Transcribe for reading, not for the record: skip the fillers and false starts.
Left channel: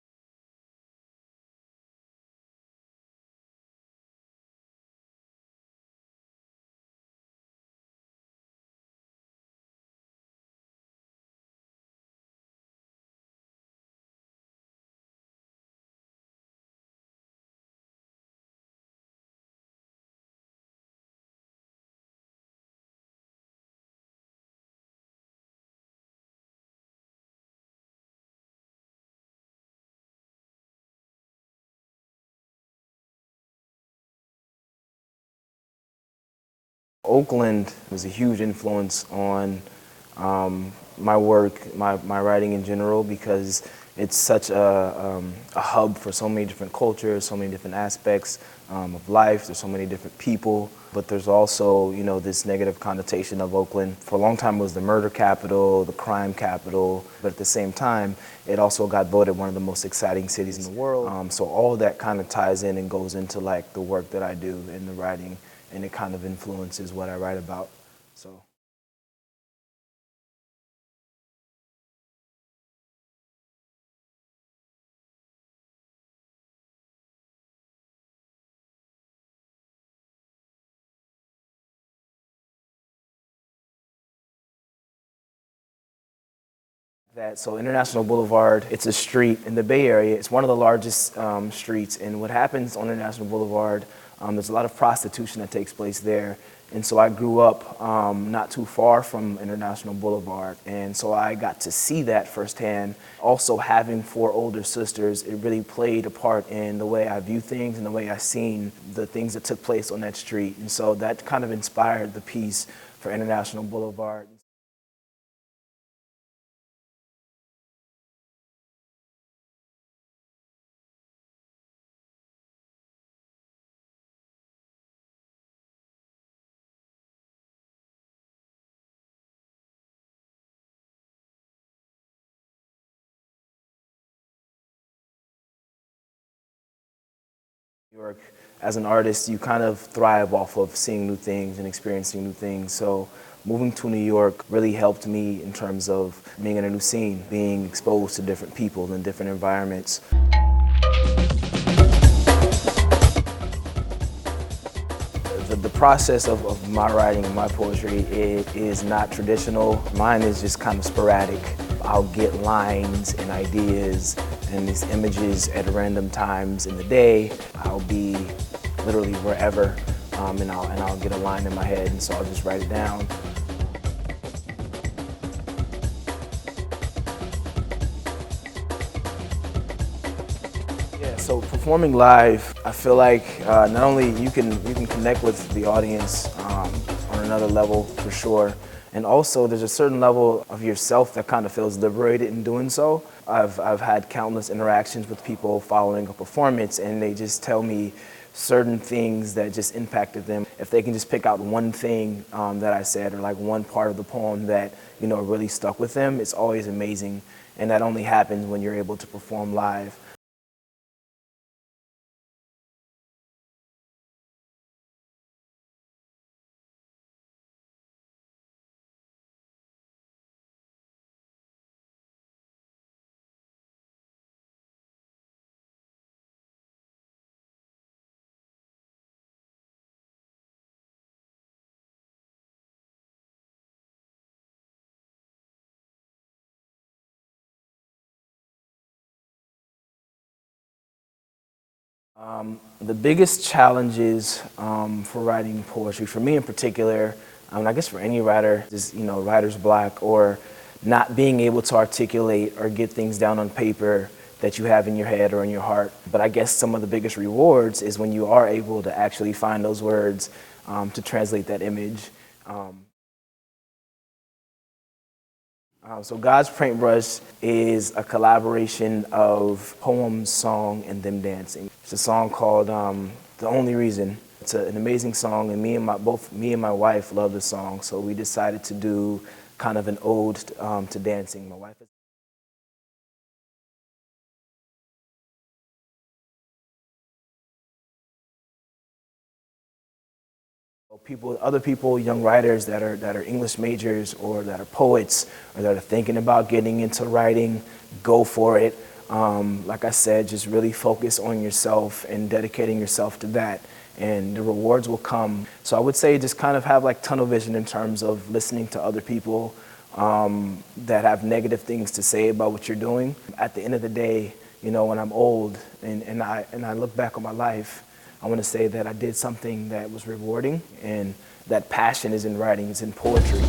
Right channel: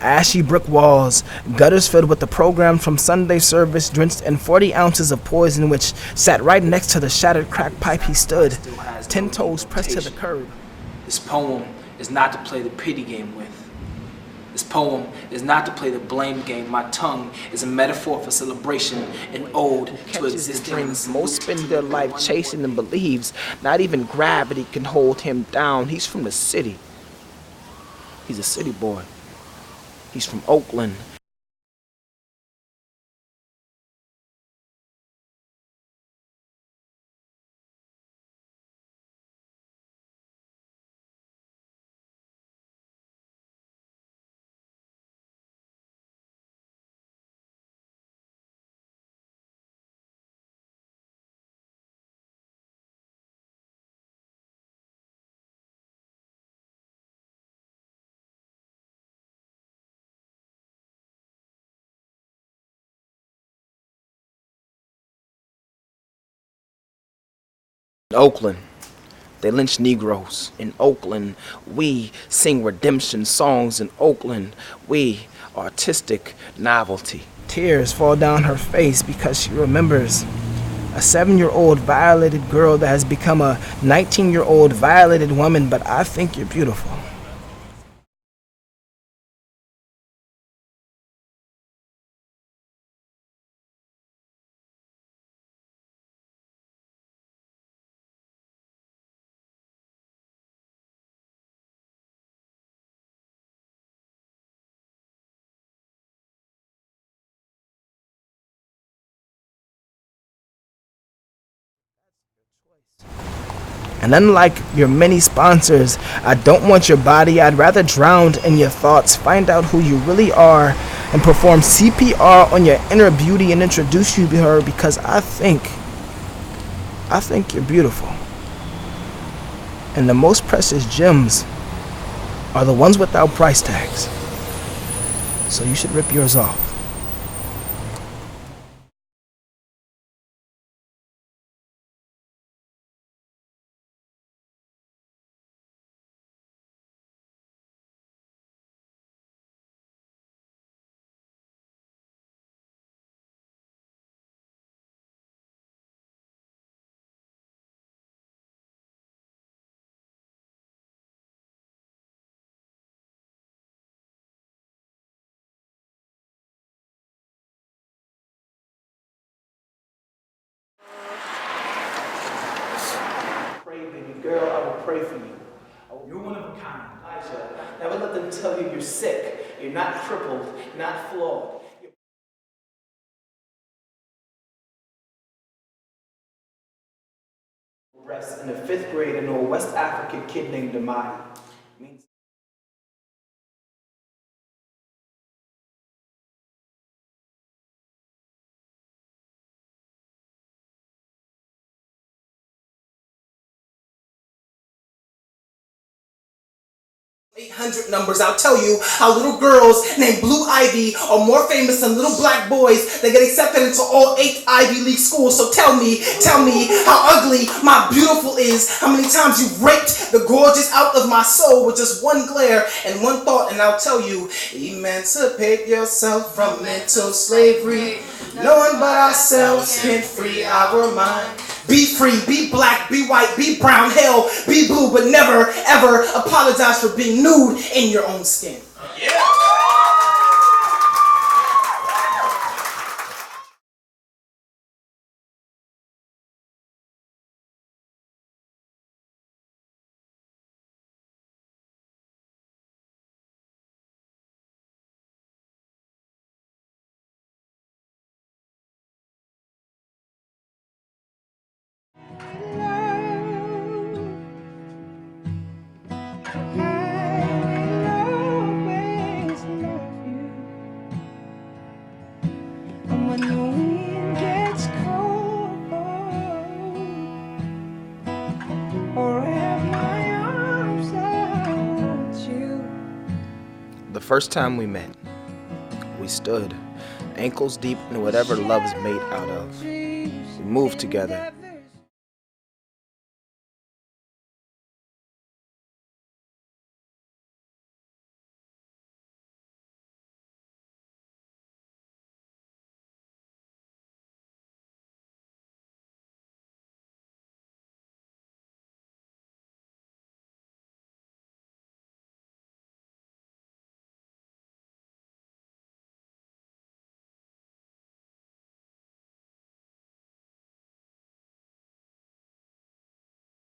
Ashy brick walls, gutters filled with the program from Sunday service, drenched in 40 ounces of poison, which sat right next to the shattered crack pipe he stood, 10 toes pressed to the curb. This poem is not to play the pity game with. This poem is not to play the blame game. My tongue is a metaphor for celebration, an ode to existence. Most spend their life chasing and believes not even gravity can hold him down. He's from the city. He's a city boy. He's from Oakland. Oakland was a huge influence on my work, my writing in general, because it's such a hub for so many different cultures, so many different aspects of life. There's so many different people, but there's also, you know, this negative connotation of Oakland. For a long time, it was the murder capital, the crime capital, but at the same time, it also got voted one of the most exciting cities in the world. So all of that kind of ties in and goes into like the work that I do in the writing, and it kind of influences what I write about. Oakland. They lynch Negroes. In Oakland, we sing redemption songs. In Oakland, we artistic novelty. Tears fall down her face because she remembers a 7-year-old violated girl that has become a 19-year-old violated woman, but I think you're beautiful. So International Boulevard, it's a street in the Bay Area. It's one of the largest streets, and what happens on International Boulevard, there's a lot of prostitution that takes place there. And so I grew up not too far from International Boulevard, and so I got to see that firsthand. Also, having 4 older sisters, it really played a part in the way I view things and the way I seen the things that took place on that street. And so that kind of inspired the piece for International Boulevard. And unlike your many sponsors, I don't want your body. I'd rather drown in your thoughts, find out who you really are, and perform CPR on your inner beauty and introduce you to her, because I think you're beautiful. And the most precious gems are the ones without price tags. So you should rip yours off. As an artist, you kind of thrive off of seeing new things and experiencing new things. So moving to New York really helped me in terms of being in a new scene, being exposed to different people and different environments. The process of my writing and my poetry is not traditional. Mine is just kind of sporadic. I'll get lines and ideas and these images at random times in the day. I'll be literally wherever, and I'll get a line in my head, and so I'll just write it down. Girl, I will pray for you. Never let them tell you you're sick, you're not crippled, you're not So performing live, I feel like not only you can connect with the audience on another level for sure, and also there's a certain level of yourself that kind of feels liberated in doing so. I've had countless interactions with people following a performance, and they just tell me certain things that just impacted them. If they can just pick out one thing that I said, or like one part of the poem that, you know, really stuck with them, it's always amazing. And that only numbers, I'll tell you how little girls named Blue Ivy are more famous than little black boys that get accepted into all 8 Ivy League schools. So tell me how ugly my beautiful is, how many times you've raped the gorgeous out of my soul with just one glare and one thought, and I'll tell you, emancipate yourself from mental slavery. No one but ourselves can free our mind. Be free, be black, be white, be brown, hell, be blue, but never, ever apologize for being nude in your own skin. The biggest challenges for writing poetry, for me in particular, I guess for any writer, is, you know, writer's block, or not being able to articulate or get things down on paper that you have in your head or in your heart. But I guess some of the biggest rewards is when you are able to actually find those words to translate that image. So God's Paintbrush is a collaboration of poem, song, and then dancing. It's a song called The Only Reason. It's an amazing song, and both me and my wife love the song, so we decided to do kind of an ode to dancing. The first time we met, we stood ankles deep in whatever love is made out of. We moved together. With other people, young writers that are English majors, or that are poets, or that are thinking about getting into writing, go for it. Like I said, just really focus on yourself and dedicating yourself to that, and the rewards will come. So I would say just kind of have like tunnel vision in terms of listening to other people that have negative things to say about what you're doing. At the end of the day, you know, when I'm old and I look back on my life, I want to say that I did something that was rewarding, and that passion is in writing, it's in poetry.